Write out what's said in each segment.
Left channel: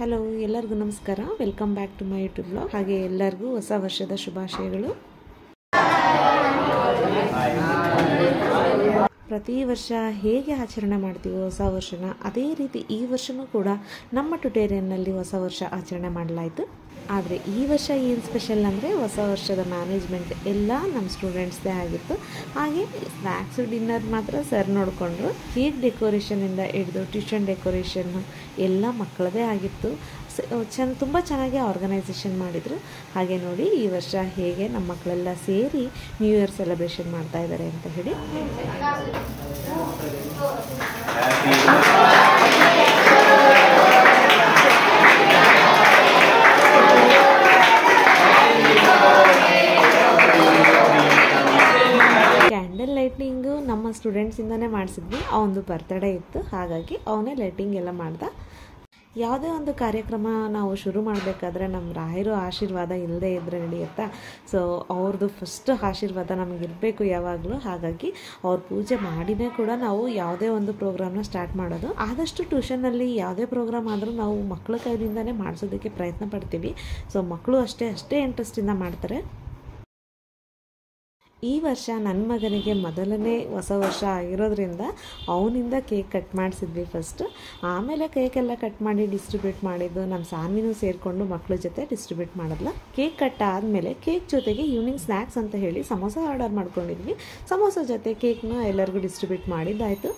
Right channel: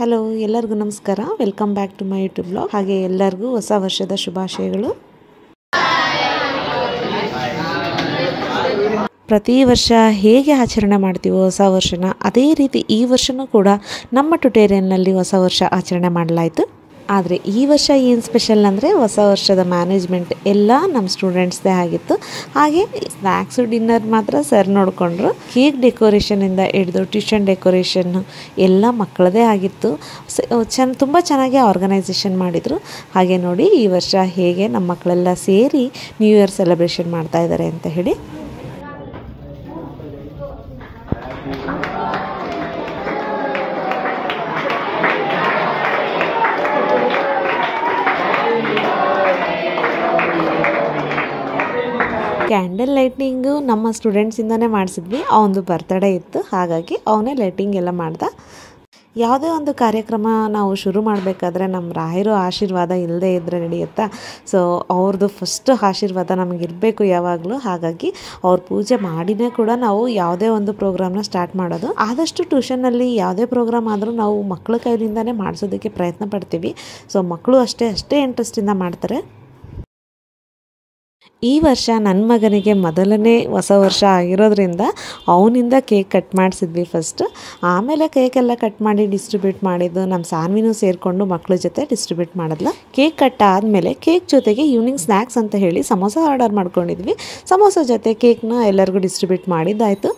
Hello ಎಲ್ಲರಿಗೂ ನಮಸ್ಕಾರ. Welcome back to my YouTube blog. ಹಾಗೆ ಎಲ್ಲರಿಗೂ ಹೊಸ ವರ್ಷದ ಶುಭಾಶಯಗಳು. ಪ್ರತಿ ವರ್ಷ ಹೇಗೆ ಆಚರಣೆ ಮಾಡ್ತೀವೋ ಹೊಸ ವರ್ಷನ, ಅದೇ ರೀತಿ ಈ ವರ್ಷವೂ ಕೂಡ ನಮ್ಮ ಟ್ಯುಟೋರಿಯಲ್ನಲ್ಲಿ ಹೊಸ ವರ್ಷ ಆಚರಣೆ ಮಾಡಲಾಯಿತು. ಆದರೆ ಈ ವರ್ಷ ಏನು ಸ್ಪೆಷಲ್ ಅಂದರೆ ಹೊಸ ವರ್ಷದ ಮ್ಯಾನೇಜ್ಮೆಂಟ್ ಎಲ್ಲ ನಮ್ಮ ಸ್ಟೂಡೆಂಟ್ಸ್ದೇ ಆಗಿತ್ತು. ಹಾಗೆ ಸ್ನ್ಯಾಕ್ಸು ಡಿನ್ನರ್ ಮಾತ್ರ ಸರ್ ನೋಡಿಕೊಂಡ್ರು. ಕೇಕ್ ಡೆಕೋರೇಷನಿಂದ ಹಿಡಿದು ಟ್ಯೂಷನ್ ಡೆಕೋರೇಷನ್ ಎಲ್ಲ ಮಕ್ಕಳದೇ ಆಗಿತ್ತು. ತುಂಬ ಚೆನ್ನಾಗಿ ಆರ್ಗನೈಸೇಷನ್ ಮಾಡಿದರು. ಹಾಗೆ ನೋಡಿ ಈ ವರ್ಷ ಹೇಗೆ ನಮ್ಮ ಮಕ್ಕಳೆಲ್ಲ ಸೇರಿ ನ್ಯೂ ಇಯರ್ ಸೆಲೆಬ್ರೇಷನ್ ಮಾಡ್ತಾ ಇದ್ದಾರೆ ಅಂತ ಹೇಳಿ. ಕ್ಯಾಂಡಲ್ ಲೈಟಿಂಗು ನಮ್ಮ ಸ್ಟೂಡೆಂಟ್ಸಿಂದನೇ ಮಾಡಿಸಿದ್ವಿ. ಅವನದು ಬರ್ತ್ಡೇ ಇತ್ತು, ಹಾಗಾಗಿ ಅವನೇ ಲೈಟಿಂಗ್ ಎಲ್ಲ ಮಾಡ್ದ. ಯಾವುದೇ ಒಂದು ಕಾರ್ಯಕ್ರಮ ನಾವು ಶುರು ಮಾಡಬೇಕಾದ್ರೆ ನಮ್ಮ ರಾಯರು ಆಶೀರ್ವಾದ ಇಲ್ಲದೆ ಇದ್ದರೆ ನಡೆಯುತ್ತಾ. ಸೊ ಅವ್ರದ್ದು ಫಸ್ಟ್ ಆಶೀರ್ವಾದ ನಮಗಿರಬೇಕು ಯಾವಾಗಲೂ. ಹಾಗಾಗಿ ಅವ್ರ ಪೂಜೆ ಮಾಡಿನೇ ಕೂಡ ನಾವು ಯಾವುದೇ ಒಂದು ಪ್ರೋಗ್ರಾಮ್ನ ಸ್ಟಾರ್ಟ್ ಮಾಡೋದು. ಆದಷ್ಟು ಟ್ಯೂಷನ್ನಲ್ಲಿ ಯಾವುದೇ ಪ್ರೋಗ್ರಾಮ್ ಆದರೂ ನಾವು ಮಕ್ಕಳ ಕೈಲಿಂದನೇ ಮಾಡಿಸೋದಕ್ಕೆ ಪ್ರಯತ್ನ ಪಡ್ತೀವಿ. ಸೊ ಮಕ್ಕಳು ಅಷ್ಟೇ ಇಂಟ್ರೆಸ್ಟಿಂದ ಮಾಡ್ತಾರೆ. ಈ ವರ್ಷ ನನ್ನ ಮಗನಿಗೆ ಮೊದಲನೇ ಹೊಸ ವರ್ಷ ಆಗಿರೋದ್ರಿಂದ ಅವನಿಂದ ಕೇಕ್ ಕಟ್ ಮಾಡಿಸಿದ್ವಿ ಫಸ್ಟ್. ಆಮೇಲೆ ಕೇಕೆಲ್ಲ ಕಟ್ ಮಾಡಿ ಡಿಸ್ಟ್ರಿಬ್ಯೂಟ್ ಮಾಡಿದ್ದು ನಮ್ಮ ಸಾನ್ವಿನೂ ಸೇರಿಕೊಂಡು ಮಕ್ಕಳ ಜೊತೆ ಡಿಸ್ಟ್ರಿಬ್ಯೂಟ್ ಮಾಡಿದ್ಲು. ಕೇಕ್ ಕಟ್ ಆದಮೇಲೆ ಕೇಕ್ ಜೊತೆಗೆ ಈವ್ನಿಂಗ್ ಸ್ನ್ಯಾಕ್ಸ್ ಅಂತ ಹೇಳಿ ಸಮೋಸ ಆರ್ಡರ್ ಮಾಡ್ಕೊಂಡಿದ್ವಿ. ಸಮೋಸ ಜೊತೆ ಕೇಕ್ನ ಎಲ್ಲರಿಗೂ ಡಿಸ್ಟ್ರಿಬ್ಯೂಟ್ ಮಾಡಿದ್ದಾಯಿತು.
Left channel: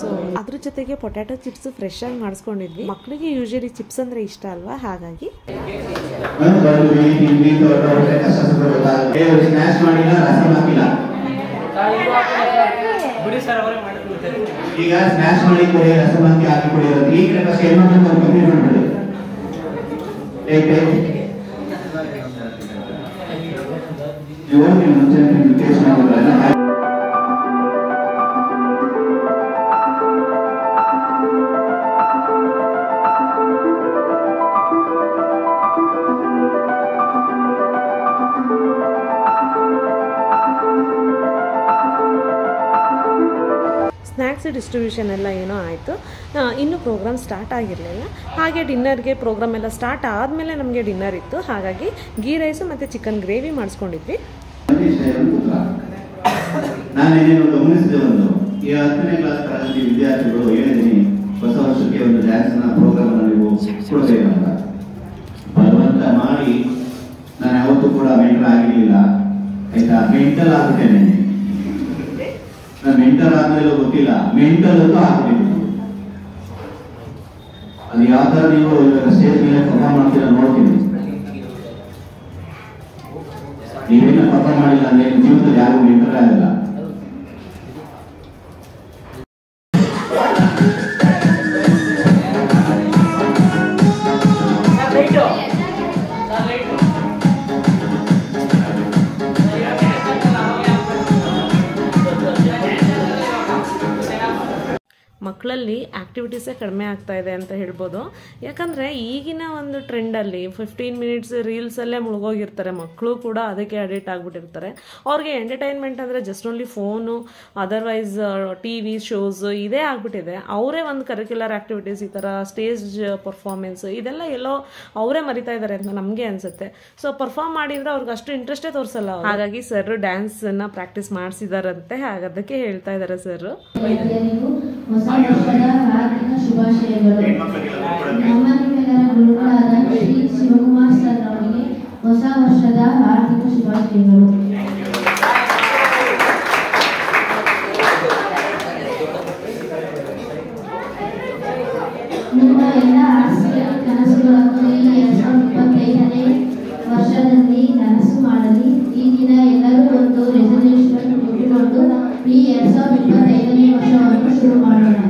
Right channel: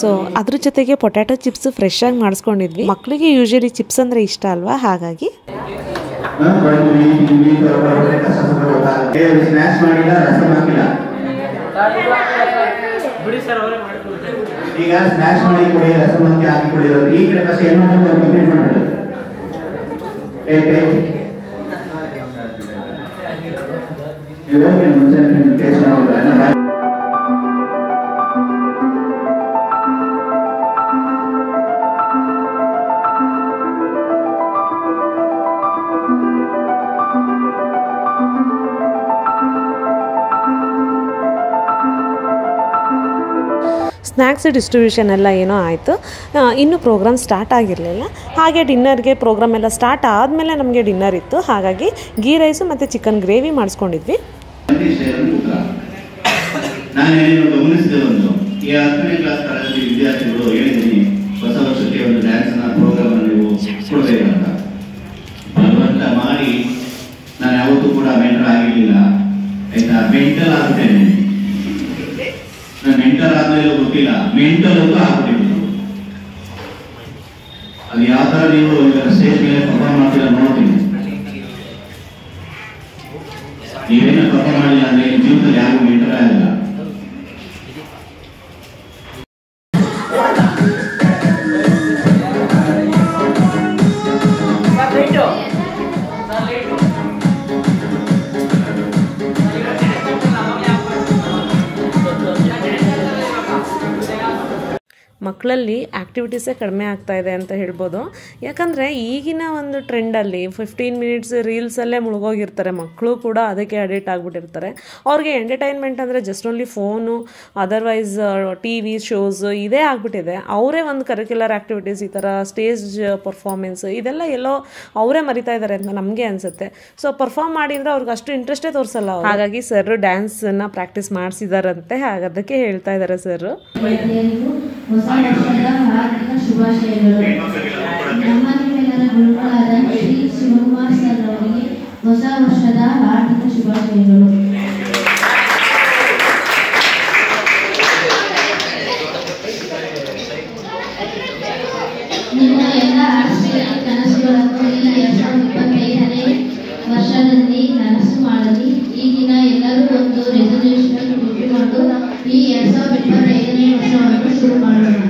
ಸೊ ಅದ್ರ ಜೊತೆಗೆ ಪೊಟ್ಯಾಟೊ ಚಿಪ್ಸ್ ಫ್ರೆಶ್ ಆಗಿ ಮಾಡಿಸ್ಕೊಂಡಿದ್ವಿ. ಮಕ್ಕಳಿಗೆ ಯೂಶಲಿ ಚಿಪ್ಸ್ ಅಂದರೆ ಇಷ್ಟ ಅಲ್ವಾ, ಹಾಗಾಗಿ ಈಗ ಸ್ನ್ಯಾಕ್ಸ್ ಮಾಡಿ ರಸಮಂತಿ ಹಾಕಿಕೊಂಡಿರೋದು ಈ ಕಡೆ ಬಸ್ ಏನು ಕಂಪ್ಲೀಟ್ ಮಾಡ್ಬಿಡು. ಇವಾಗ ಮುಂಚೆ ಟೇಸ್ಟ್ ಮಾಡೋದು. ಸ್ನ್ಯಾಕ್ಸ್ ಡಿಸ್ಟ್ರಿಬ್ಯೂಷನ್ ಎಲ್ಲ ಏನೋ ಆಯಿತು. ಇನ್ನೂ ಪ್ರೋಗ್ರಾಮ್ ಸ್ಟಾರ್ಟ್ ಆಗಿರಲಿಲ್ಲ. ಹಾಗೆ ಡಿನ್ನರ್ಗೆ ಪ್ರೋಗ್ರಾಮ್ ಎಲ್ಲ ಸ್ಟಾರ್ಟ್ ಆದಮೇಲೆ ನಮಗೆ ಡಿನ್ನರ್ ಇತ್ತು. ಹಾಗಾಗಿ ಗೀ ರೈಸು ಮತ್ತು ಚಿಕನ್ ಗ್ರೇವಿ ಮಾಡಿಸ್ಕೊಂಡಿದ್ವಿ. ನಾನೇನು ಗಮನಿಸಿದೆ, ಒಂದು ಈ 10ನೇ ಕ್ಲಾಸ್ ತರಗತಿ ವಿದ್ಯಾರ್ಥಿಗಳು ಹೇಳಿದ್ದೀನಿ ಹೊಸ ವರ್ಷಕ್ಕೆ ಒಂದು ಡ್ಯಾನ್ಸ್ನ ಪ್ರೋಗ್ರಾಮ್ ನೀವು ಕೊಡಬೇಕಂತ. ಬಲವಂತ ಮಾಡಿ ನಾನು ಯಾವತ್ತೂ ಕೂಡ ಮೆಂಟರ್ ಆಗಿರಲಿಲ್ಲ ಆಯ್ತಾ. ಮೆಂಟಲ್ ಆಗುತ್ತೇನೆ ನಾನು. ಮೆಂಟರ್ ಆದ್ಮೇಲೆ ಗೊತ್ತಿಲ್ಲ, ಮೆಂಟಲ್ ಅಂತೂ ಆಗ್ಬಿಟ್ಟಿತ್ತು. ಅದು ಯಾವ ಥರ ನೀವು ಇವಾಗ ಸ್ಟೇಜ್ ಮೇಲೆ ಪರ್ಫಾರ್ಮ್ ಮಾಡ್ತೀರ ನೋಡ್ತೀನಿ. ನೀವೇನು ಪರ್ಫಾರ್ಮ್ ಮಾಡಿಲ್ಲ ಅಂದ್ರೆ ಜೀವನದಲ್ಲಿ ಯಾರಿಗೂ ಮೆಂಟರ್ ಆಗಲ್ಲ. ಮಕ್ಕಳಲ್ಲಿ ಆ್ಯಕ್ಟಿವಿಟೀಸೇ ಕಡಿಮೆ ಆಗ್ತಾ ಇದೆ ಅಂತ ಹೇಳ್ಬೋದು. ಯಾಕಂದರೆ ಈಗಿನ ಒಂದು ಟ್ರೆಂಡಲ್ಲಿ 15 ಮಿನಿಟ್ಸ್ ರೀಲ್ಸಲ್ಲೇ ಮುಳುಗೋಗಿರ್ತಾರೆ ಮಕ್ಕಳು ಕೂಡ. ಅದಕ್ಕೆ ಅಡಿಕ್ಟ್ ಆಗಿಬಿಟ್ಟಿರ್ತಾರೆ. ಅವ್ರಿಗೆ ಎಂಟರ್ಟೈನ್ಮೆಂಟ್ ಅಂದರೆ just only phone, otherwise TV shows ಇದೇ ಆಗಿಬಿಟ್ಟಿದೆ. ಅವರೇ ಒಂದು ಕರಿಕ್ಯುಲರ್ ಆ್ಯಕ್ಟಿವಿಟೀಸ್, ಈ ಥರ ಸ್ಟೇಜ್ ಪರ್ಫಾರ್ಮೆನ್ಸ್ ಇದೆಲ್ಲ ಎಲ್ಲೋ ಅವರೇ ಮರಿತಾ ಇದ್ದಾರೆ ಅಂತ ನಮಗೆ ಅನಿಸುತ್ತೆ. ಸೊ ಪರ್ಫಾರ್ಮ್ ಮಾಡಿದರೆ ಅವ್ರಿಗೆ ಅಷ್ಟು ಇಂಟ್ರೆಸ್ಟೇ ತೋರಿಸಲ್ಲ. ಹಾಗಾಗಿ ಸರ್ ಡ್ಯಾನ್ಸನ್ನು ಪ್ರಾಕ್ಟೀಸ್ ಮಾಡಿಸಿದಾರಂತೆ. ಅದಕ್ಕೆ ಹೇಳ್ತಾ ಇದ್ದಾರೆ ಸರ್. ಹೊಸ ವರ್ಷದ ಹಾರ್ದಿಕ ಶುಭಾಶಯಗಳು. ನಮ್ಮ ನಿಮ್ಮೆಲ್ಲರ ಗುರುಗಳಾದ ಶ್ರೀ ಶಿವಕುಮಾರ್ ಸರ್ ಅವರಿಗೆ ಹೊಸ ವರ್ಷದ ಹಾರ್ದಿಕ ಶುಭಾಶಯಗಳು. ನಿಮ್ಮ ಎಲ್ಲ ಆಸೆ ಕನಸುಗಳನ್ನು ಈ 2025ನೇ ವರ್ಷದಲ್ಲಿ ಕನಸು ಮಾಡಲಿ. ಈ ದಿನ ಎಲ್ಲರೂ ಒಂದು ರೆಸಲ್ಯೂಷನ್ ಇಟ್ಟುಕೊಂಡು ಈ 2025ನೇ ವರ್ಷವನ್ನು ಶುರು ಮಾಡೋಣ.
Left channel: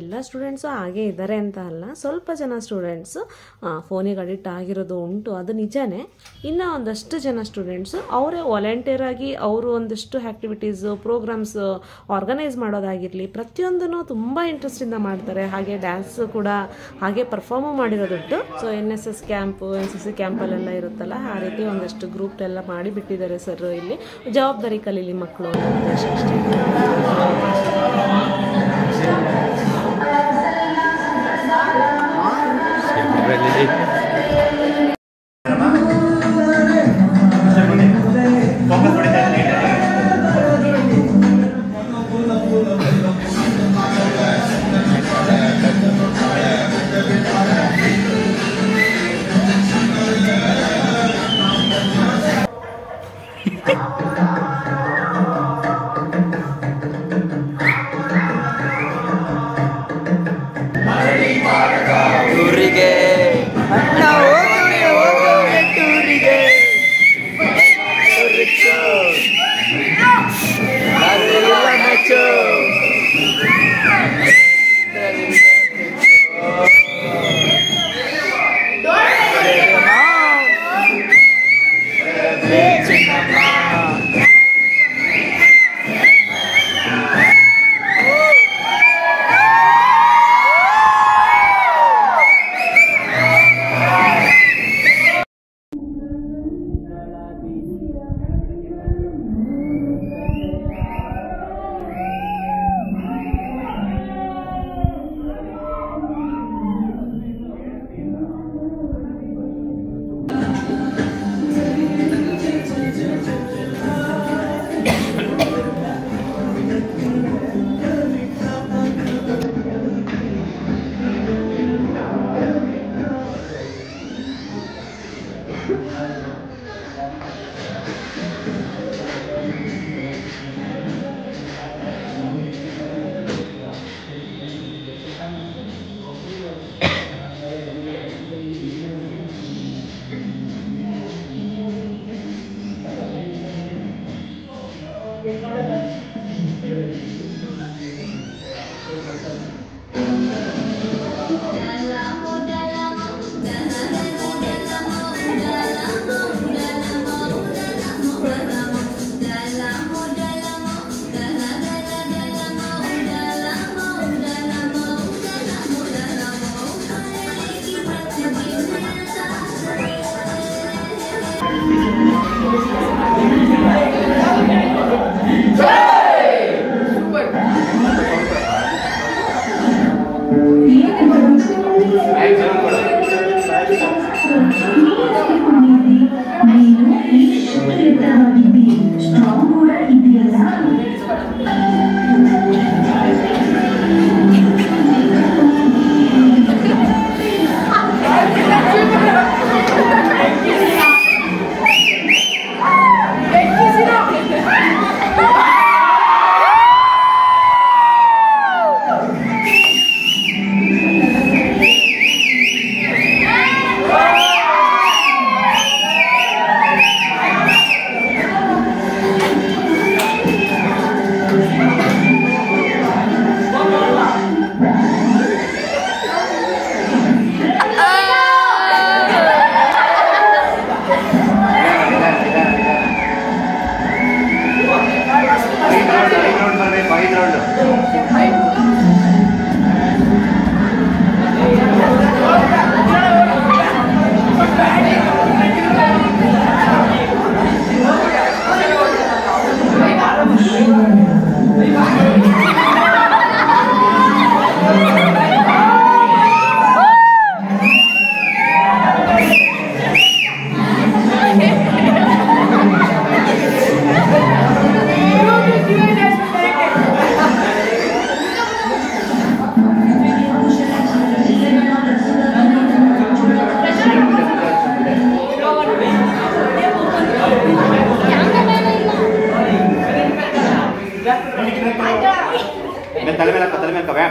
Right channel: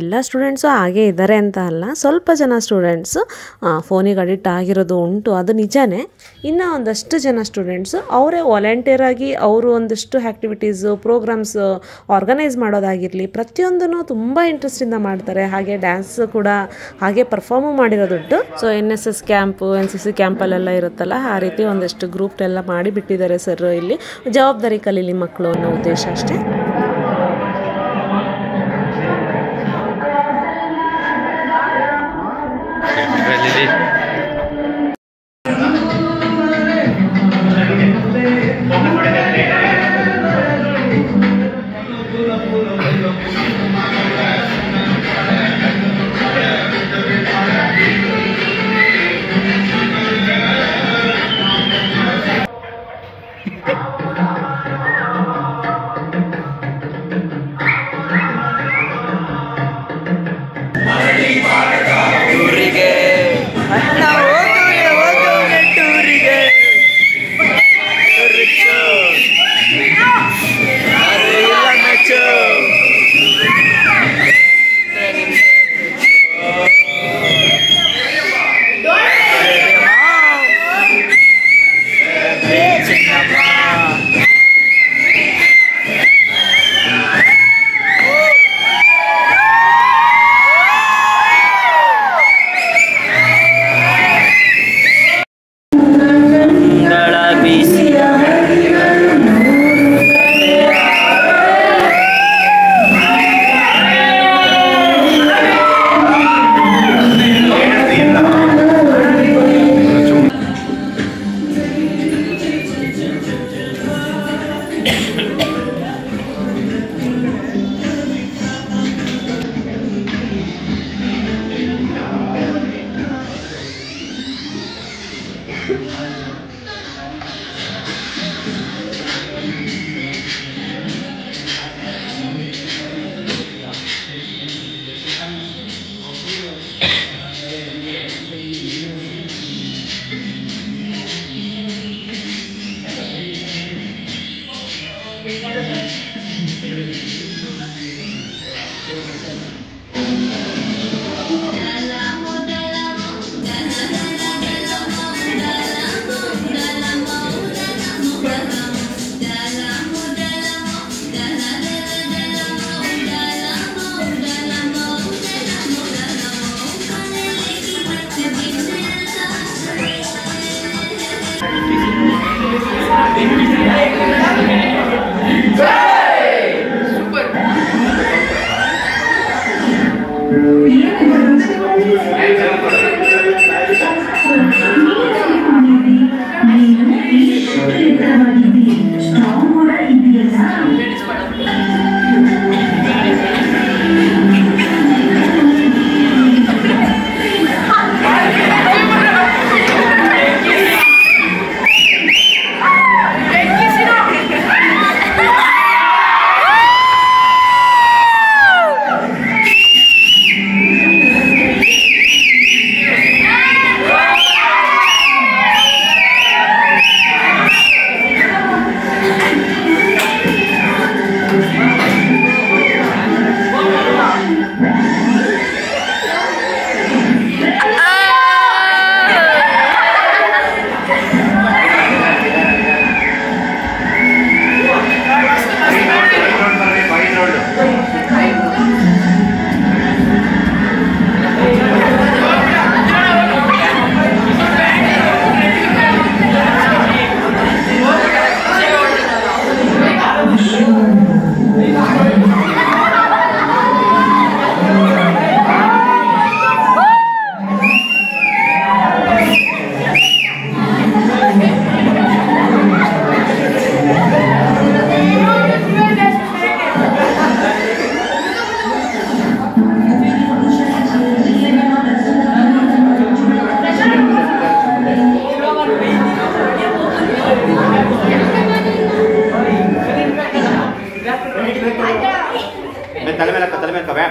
ಎಲ್ಲ ಸ್ಟೂಡೆಂಟ್ಸು ಹಾಗೇ ಇದ್ದಾರೆ ಅಂತ ಅಲ್ಲ, ಸ್ವಲ್ಪ ಜನ ಸ್ಟೂಡೆಂಟ್ಸು ಫೋನಿಗೆ ಅಡಿಕ್ಟ್ ಆಗಿರೋದು ಉಂಟು, ಅದು ನಿಜನೇ. ಇನ್ನು ಒಂದಷ್ಟು ಜನ ಸ್ಟೂಡೆಂಟ್ಸು ಅವರೇ ವಾಲಂಟಿಯರ್ ಆಗಿ ಅವರು ಒಂದಷ್ಟು ಆ್ಯಕ್ಟಿವಿಟೀಸು ಪ್ರೋಗ್ರಾಮ್ಸು ಆರ್ಗನೈಸ್ ಮಾಡೋದಾಗಿರಲಿ ಪ್ರತಿಯೊಂದೂ ತುಂಬ ಇಂಟ್ರೆಸ್ಟಿಂದ ಮಾಡ್ತಾರೆ. ಹಾಗೆ ಡ್ಯಾನ್ಸ್ ಕೂಡ ಹಾಗೆ ಪರ್ಫಾರ್ಮು ಮಾಡಿರೋದುಂಟು. ಸೊ NSS ಕ್ಯಾಂಪು NCC ಕ್ಯಾಂಪಲ್ಲೆಲ್ಲ ಇರುತ್ತಲ್ಲ, ಆ ರೀತಿ ಒಂದಷ್ಟು ಗ್ರೂಪ್ ಎಲ್ಲ ಮಾಡಿಬಿಟ್ಟಿದ್ದಾರೆ ಸರ್. ಇಲ್ಲಿ ಜವಾಬ್ದಾರಿ ಕಲೀಲಿ ಮಕ್ಕಳು ಅನ್ನೋ ಉದ್ದೇಶ ಅಷ್ಟೇ.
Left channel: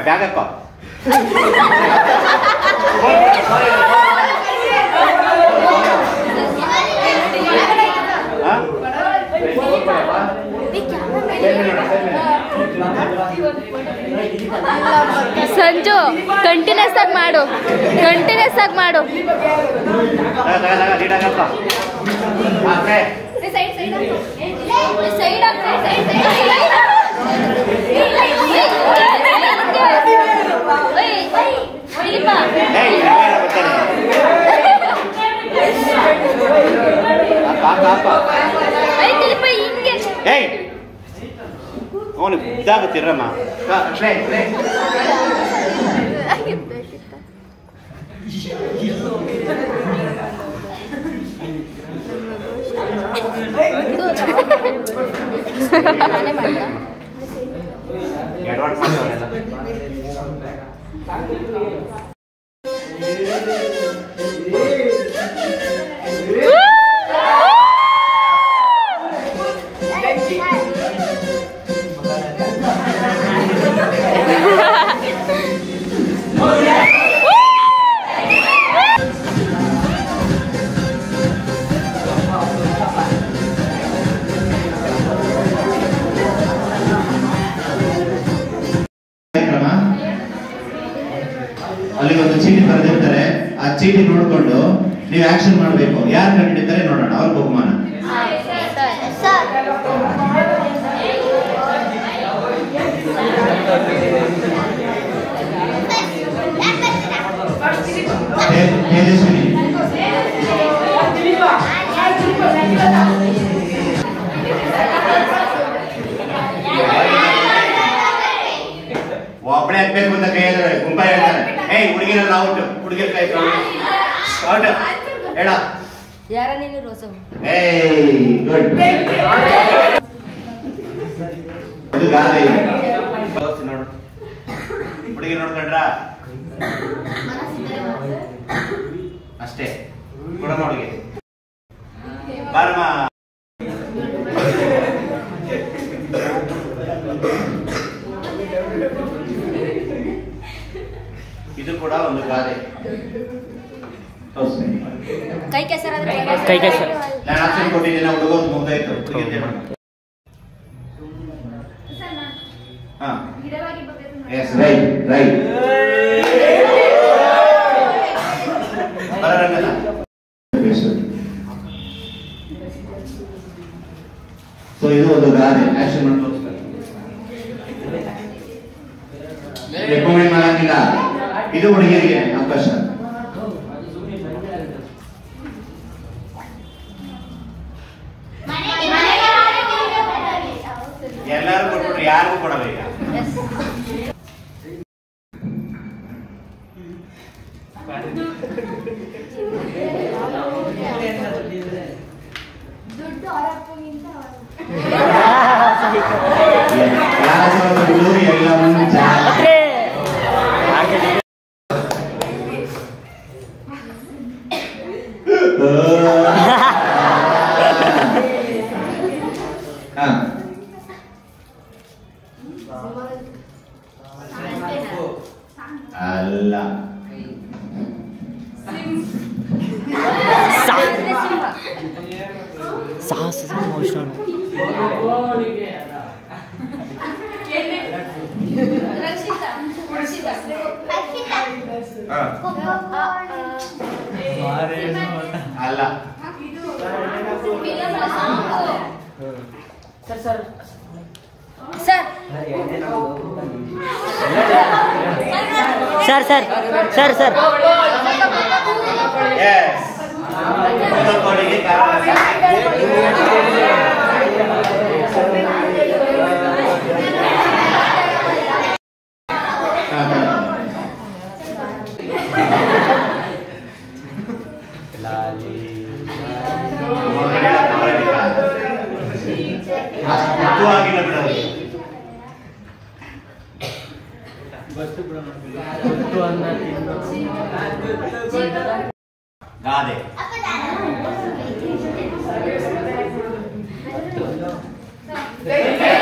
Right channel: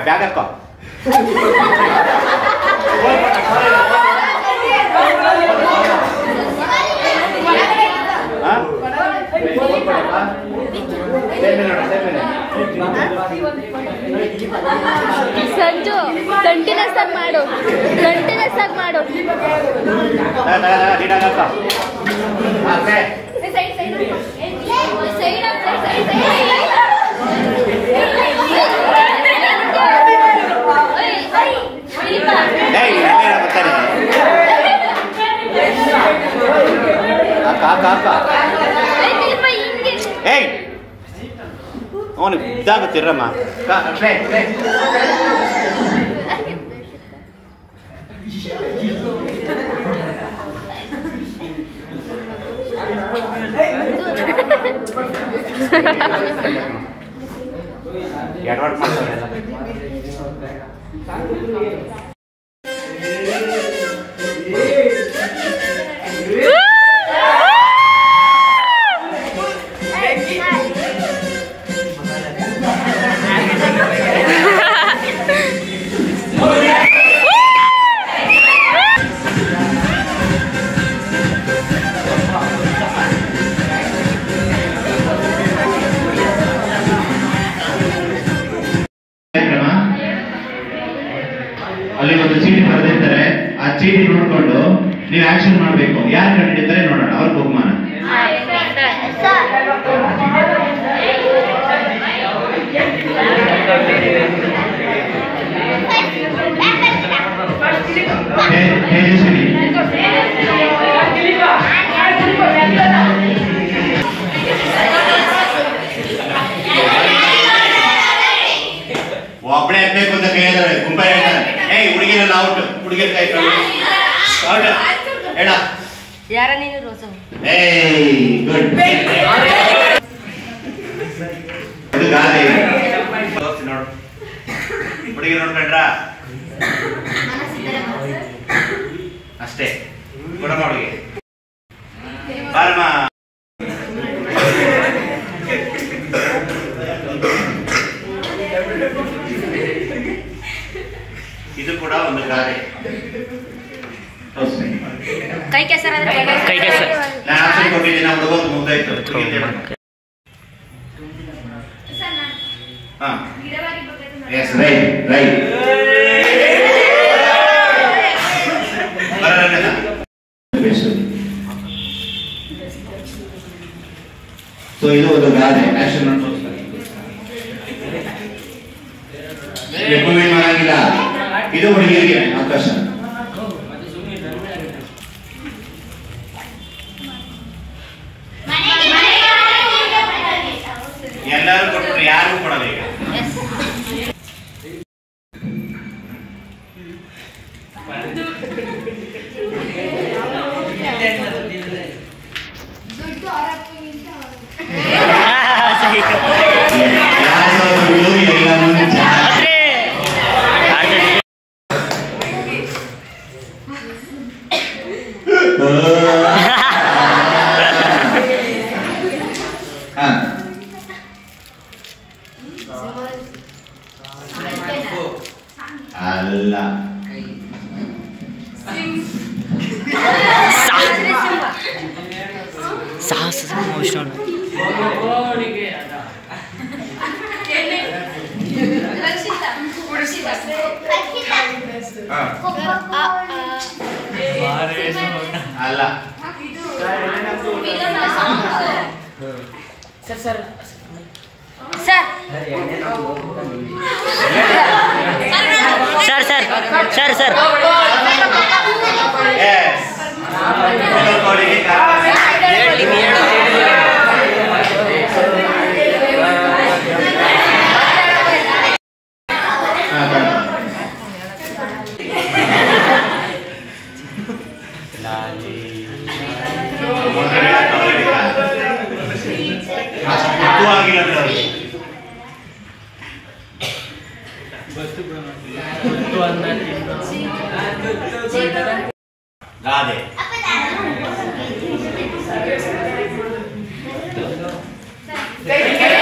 ಬ್ಯಾಗ್ ಹಾಕೋ. ಸಂಜು ಕಂಟಿನ್ಯೂಸ್ ಆಗಿ ಮಾಡು, ಕಂಟಿನ್ಯೂಸ್ ಆಗಿ ಮಾಡು. ಅವನು ಇದಾಗುತ್ತಿರಮ್ಮ. ಅಲ್ಲಿ ಒಂದು ಚೀಟಿ ಬರೆದಿರ್ತಾರೆ, ಆ ಚೀಟಿ ನೋಡ್ಕೊಂಡು ನೀವು ಆಕ್ಷನ್ ಮಾಡಬೇಕು. ಯಾರು ಕಂಡಿಡ್ತಾರೆ ನೋಡೋಣ, ಅವ್ರ ಬಹುಮಾನ. ತೇಜಸ್ವಿನಿ, ಒಬ್ಬಳೆ ಹಾಕ್ಬೇಕು ಅಂತ ಕೈ ಹೇಳ್ತಾರೆ, ಗುಂಪ ಹೇಳ್ತಾರೆ. ಹುಡುಗಿರಲ್ಲ ಔಟ್, ಹುಡುಗಿರ್ ಕೈ ಔಟ್ ಹೇಳ. ಯಾರ ನೀನು ರೋಸ? ಗುಡ್. ಇದು ಗಾದೆ ನೋಡು, ಹುಡುಗಿ ನೋಡ್ಕೊಂಡ್ರ ಅಷ್ಟೇ. ಕೊಡಮ್ಮ ಹುಡುಗಿ, ಬಾರಮ್ಮ. ಇದು ಕೂಡ ಒಂದು ಗಾದೆ. ಕೈ ಕೆಸರ ನಾನು ಆಪ್ಷನ್ ಕೊಟ್ಟಿದ್ದೀನಿ, ನಾವು ಹುಡುಗೋದು ಮುಗ್ದಾಯ್ತು. ಹಾ, ಎಸ್, ರೈಟ್ ರೈಟ್. ಸೊ ಇದು ಒಂದು ಗಾದೆ, ಆಕ್ಷನ್ ಮಾಡಿ ತೋರಿಸ್ತಾರೆ. ರೆಕಮೆಂಡ್ ಮಾಡಂಗಿಲ್ಲ, ಇದು ಹುಡುಗಿಯರಿಗೆ ಅವಕಾಶ. ಎಲ್ಲರೂ ಕೊಟ್ಟರು, ಯಾರು ಕೊಡಲ್ಲ ಈಗ. ಅಲ್ಲ, ಸಾಹಸ ಅಲ್ಲ. ಸರ್ ಸರ್ ಸರ್ ಸರ್ ಆಗಿಲ್ಲ ಬಿಡೋದು. ಗಾದೆ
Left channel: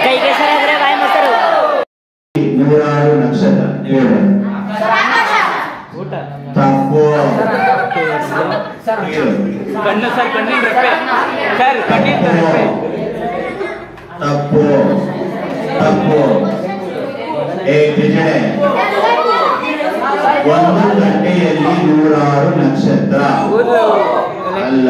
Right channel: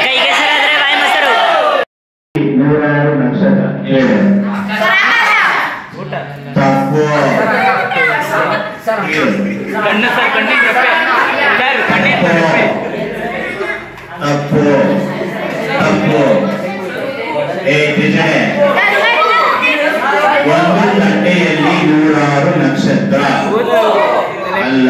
ಕೈಗೆ ಸರಾದ್ರೆ ಬಾಯಿ ಮೊಸರು. ನೂರಾರು ನಕ್ಷತ್ರ ಹೇಳು. ತಪ್ಪು. ಕಣ್ಣು ಸರ್, ಕಣ್ಣಿನ ರೆಪ್ಪೆ ಸರ್, ಕಣ್ಣಿನ ರೆಪ್ಪೆ. ತಪ್ಪು ತಪ್ಪು. ಒಂದು ತಟ್ಟೆಯಲ್ಲಿ 100 ನಕ್ಷತ್ರ ಅಲ್ಲ.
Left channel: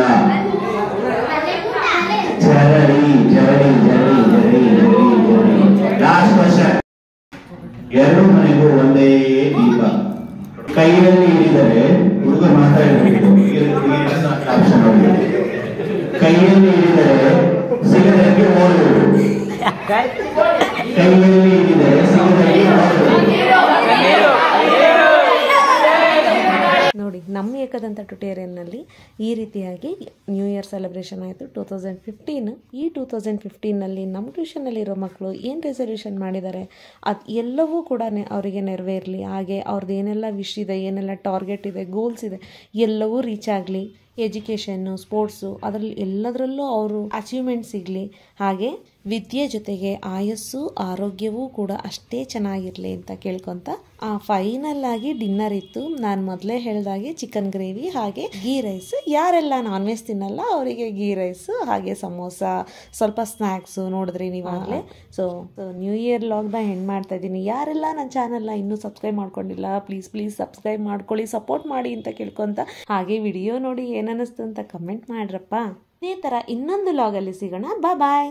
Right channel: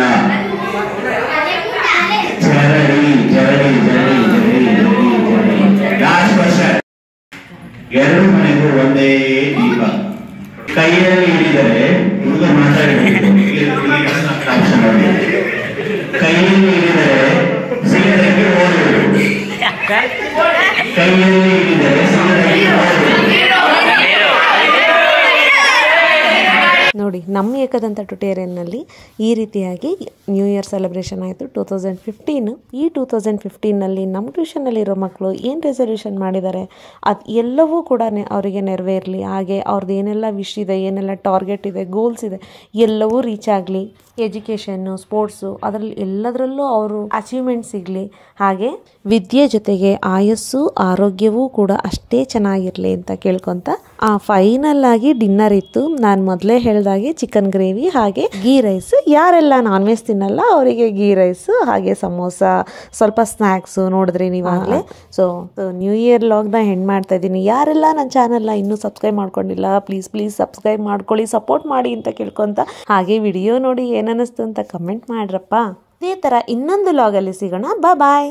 ಜರಡಿ ಜರಡಿ ಜರಡಿ ಜರಡಿ ಜರಡಿ ಜರಡಿ. Last question. ಎರಡು ಮನೆಗೂ ಒಂದೇ ದೀಪ. ಕೈಯಲ್ಲಿ ಹಿಡಿದರೆ ಹುಡುಗ ಮಾತಾಡಬೇಕು. ಕೈಯಲ್ಲಿ ಹಿಡಿದರೆ ಸಿಗದಕ್ಕೆ ಓಡುವುದು. ಕೈಯಲ್ಲಿ ಹಿಡಿದರೆ ಸಿಗದಕ್ಕೆ ಓಡುವುದು. ನೋಡಿ, ನಮ್ಮ ಏಕದಂತ ಟ್ಯುಟೋರಿಯಲ್ನಲ್ಲಿ ಈ ರೀತಿಯಾಗಿ ನ್ಯೂ ಇಯರ್ ಸೆಲೆಬ್ರೇಷನ್ ಆಯಿತು 2015. ಈ 2015ನಲ್ಲಿ ನಮ್ಮ ಟ್ಯೂಷನ್ನಲ್ಲಿರೋ ಮಕ್ಕಳು ಏನು ರೆಸಲ್ಯೂಷನ್ ಮಾಡಿದ್ದಾರೆ ಅದು ಎಲ್ಲವೂ ಕೂಡ ಅವರಿಗೆ ನೆರವೇರಲಿ. ಹಾಗೆ ಅವ್ರದ್ದು ಏನೆಲ್ಲ ವಿಶ್ ಇದೆ, ಏನೆಲ್ಲ ಟಾರ್ಗೆಟ್ ಇದೆ, ಗೋಲ್ಸ್ ಇದೆ, ಎಲ್ಲವೂ ರೀಚ್ ಆಗಲಿ. ಎಜುಕೇಷನ್ನು, ಸ್ಪೋರ್ಟ್ಸು, ಅದರಲ್ಲಿ ಎಲ್ಲದರಲ್ಲೂ ಅವರು ಅಚೀವ್ಮೆಂಟ್ ಸಿಗಲಿ. ಹಾಗೆ ವಿದ್ಯೆ ಜೊತೆಗೆ ಆಯಸ್ಸು, ಆರೋಗ್ಯವೂ ಕೂಡ ಅಷ್ಟೇ ಚೆನ್ನಾಗಿರಲಿ ಅಂತ ಕೇಳ್ಕೊತ ಫೈನಲ್ ಆಗಿ ಡಿನ್ನರ್ ಇತ್ತು. ನಾನು ಮೊದಲೇ ಹೇಳ್ದಾಗೆ ಚಿಕನ್ ಗ್ರೇವಿ ಹಾಗೆ ಗೀ ರೈಸ್. ಯಾರೆಲ್ಲ ನಾನ್ ವೆಜ್ ತಿನ್ನಲ್ಲ ಅವರಿಗೆ ಗೀ ರೈಸ್ ಹಾಗೆ ಸಮೋಸ, ಸ್ವಲ್ಪ ಸ್ನ್ಯಾಕ್ಸು ನೋಡಿದ್ರಿ ನೀವಾಗಲೇ. ಸೊ ನ್ಯೂ ಇಯರ್ ಲಾಗ್ನ ಹೆಣ್ಣು ಮಾಡ್ತಾ ಇದ್ದೀನಿ. ಯಾರೆಲ್ಲ ನನ್ನ ಚಾನಲ್ನ ಇನ್ನೂ ಸಬ್ಸ್ಕ್ರೈಬ್ ಮಾಡ್ಕೊಂಡಿಲ್ಲ ಪ್ಲೀಸ್ ಸಬ್ಸ್ಕ್ರೈಬ್ ಮಾಡ್ಕೊಳ್ಳಿ, ಸಪೋರ್ಟ್ ಮಾಡಿ ಅಂತ ಕೇಳ್ಕೊತ, ಹಾಗೆ ವಿಡಿಯೋ ನೋಡಿ ಏನನ್ನಿಸ್ತು ಅಂತ ಕಮೆಂಟ್ ಮಾಡ್ರಪ್ಪ. ಇದೇ ಥರ ಇನ್ನೊಂದು ಲಾಗಲ್ಲಿ ಸಿಗೋಣ. ಬಾಯ್.